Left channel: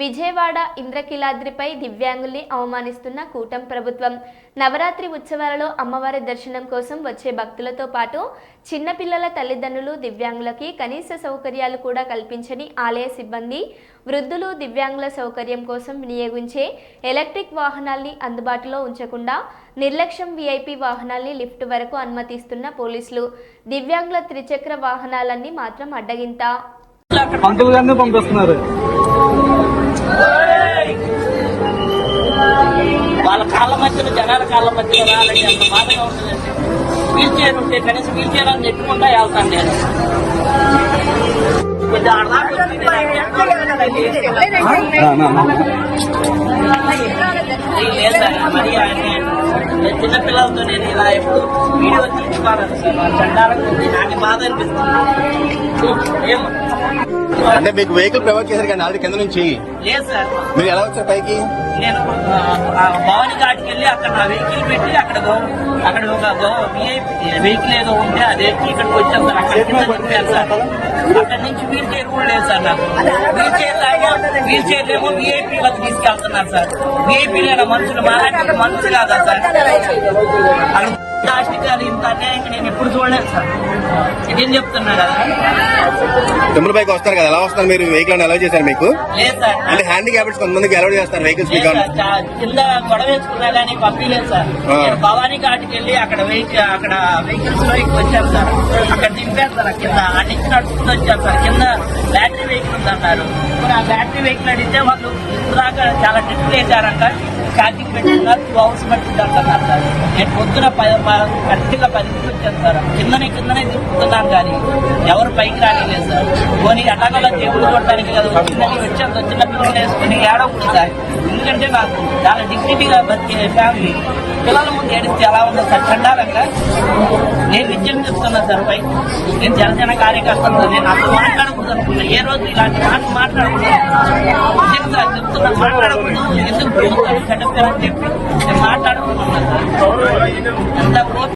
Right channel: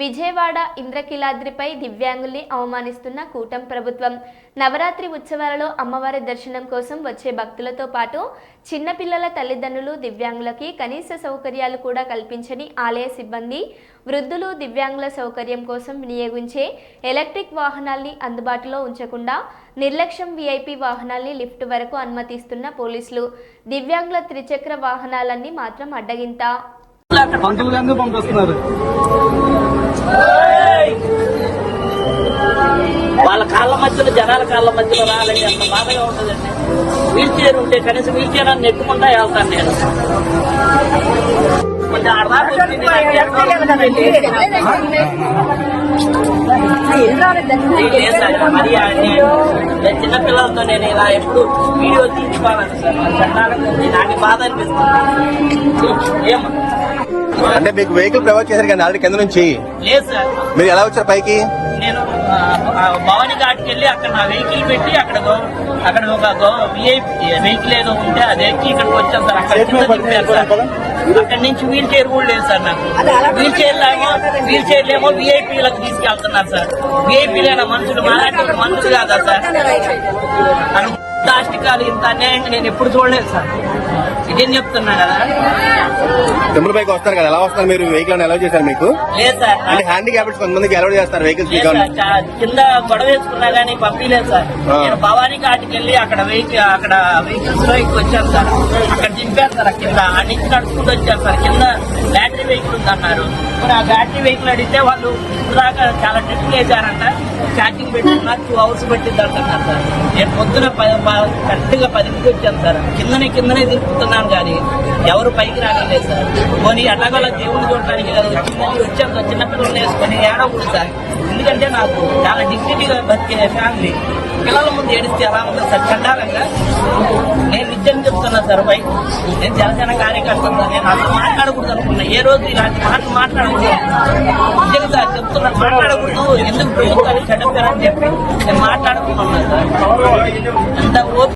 విజయవాడ ఇంద్రకిలాద్రిపై దివ్యాంగుల్ని అవమానిస్తున్న కూటం ప్రభుత్వం. నవరాత్రి ఉత్సవాలలో అమ్మవారి దర్శనం కోసం వచ్చే భక్తులతో పాటు చిన్నపిల్లల తల్లిదండ్రులు దివ్యాంగులకి కనీస సౌకర్యాలు కూడా కల్పించని ఆలయ సిబ్బంది వృద్ధులు దివ్యాంగుల సౌకర్యం కోసం వినియోగించే ఎలక్ట్రిక్ వాహనాల్ని అందుబాటులో ఉంచకుండా నిర్లక్ష్యం వీఐపీ వాహనాల్ని లిఫ్ట్ వరకు అనుమతిస్తున్న పోలీసులు. దివ్యాంగుల త్రిచక్ర వాహనాలన్నీ మాత్రం అడ్డగింత. పంతులు గారిని పంపిస్తున్నారు. వాళ్ళ కాళ్ళ మధ్యలో జనాల కాళ్ళ మధ్యలో రాలని అంత బాధగా ఉంటుందండి. వీల్ చైర్ ఉంటే కనీసం వీల్ చైర్ అని నెట్టుకుంటా వెళ్తాను నేను. కొంచెం మరి చిన్నపిల్లలతో నేను ఇలా ఎప్పుడు వీడియో తీసుకోవాలని సార్. నాకు బాధ అనిపిస్తుంది. ఏమో అంటే మీకు వెహికల్ ప్రొవైడ్ చేశారు కానీ ఆల్రెడీ కింద నుంచి? లేదు సార్. మీరు ఎలా వచ్చారు పైకి? నేను భవానీ ఘాట్కి వెళ్ళి అక్కడ నా వెహికల్ పెట్టి అక్కడ అక్కడ ఒక విఐపి వెహికల్ ఏదో ఉంటే ఆ వెహికల్ ఇక్కడికి వచ్చాను సార్. అక్కడ నుంచి వీల్ చైర్ కూడా లేదు సార్ నాకు. వీల్ చైర్ ఏమో వీల్ చైర్ ఏమో విఐపీలకు తీసుకెళ్తున్నారు సార్. విఐపీలైన మనుషులు మాలాంటి మనుషులు కాదా సార్ మనం దాష్టికాలు ఇంత అన్యాయంగా నేను ఎప్పుడు చూడలేదు సార్. ఇదేం చెప్తున్నా కదా. తమ్ముడు పైకి వస్తారు కదా ఎలా వస్తారు మీరు? వెహికల్ అలౌ చేశారు మీకు? లేదు సార్ అంటే హ్యాండిక్యాప్స్ కొంతమందికి అలౌ చేస్తారు వెహికల్స్ మీకు కింద గొడవ వేసుకున్నా గానీ పంపించలేదు సార్. నేను భవానీ ఘాట్కి వెళ్ళి అక్కడ వెహికల్ అక్కడ వెహికల్స్లో వచ్చాను సార్. అక్కడ దింపేస్తారు కింద. ఆ నుంచి నడుచుకుంటూ వచ్చారు సార్. కింద బ్యాటరీ వెహికల్ ఉందన్నారు. మరి ఆ బ్యాటరీ వెహికల్ అడిగితే వాళ్ళు ఇప్పుడు దాకా చాలా టెస్ట్లు వేశారంట ఛార్జింగ్ పెట్టిస్తున్నారు టూ అవర్స్ పట్టింది అంటున్నారు సార్. నేను పొద్దున కరెక్ట్గా పదింటికి వచ్చాను సార్. కిందనే కిందనే తిరుగుతున్నాను కానీ ఎవరు పైకి రానిలేదు సార్. పోనీ ఎలాగోలా దేవుడు చూడటానికి కదా వచ్చిందని వచ్చాను. చిన్నపిల్లలు వేసుకుని వేసుకొని ఏడవకూడదు సార్. ఎందుకంటే నాకు చాలా డిగ్నిటీగా బతికే ఫ్యామిలీ. పిల్లల ముందు ఏడిస్తే ఎలా ఉందో సార్ చండాలంగా నేను నిత్యం చెప్తున్నా సార్ పై నేను జనసేన కార్యకర్తలు నేను అసలు మాట్లాడకూడదు ఏ రోజు ఇలాంటి మాట మాట్లాడకూడదు. నిజంగా సార్ చెప్తున్నా మాట్లాడుకుంటూ ఎందుకు చెడ్డ చెప్పి నేను మాట్లాడుతున్నాను సార్. అంతా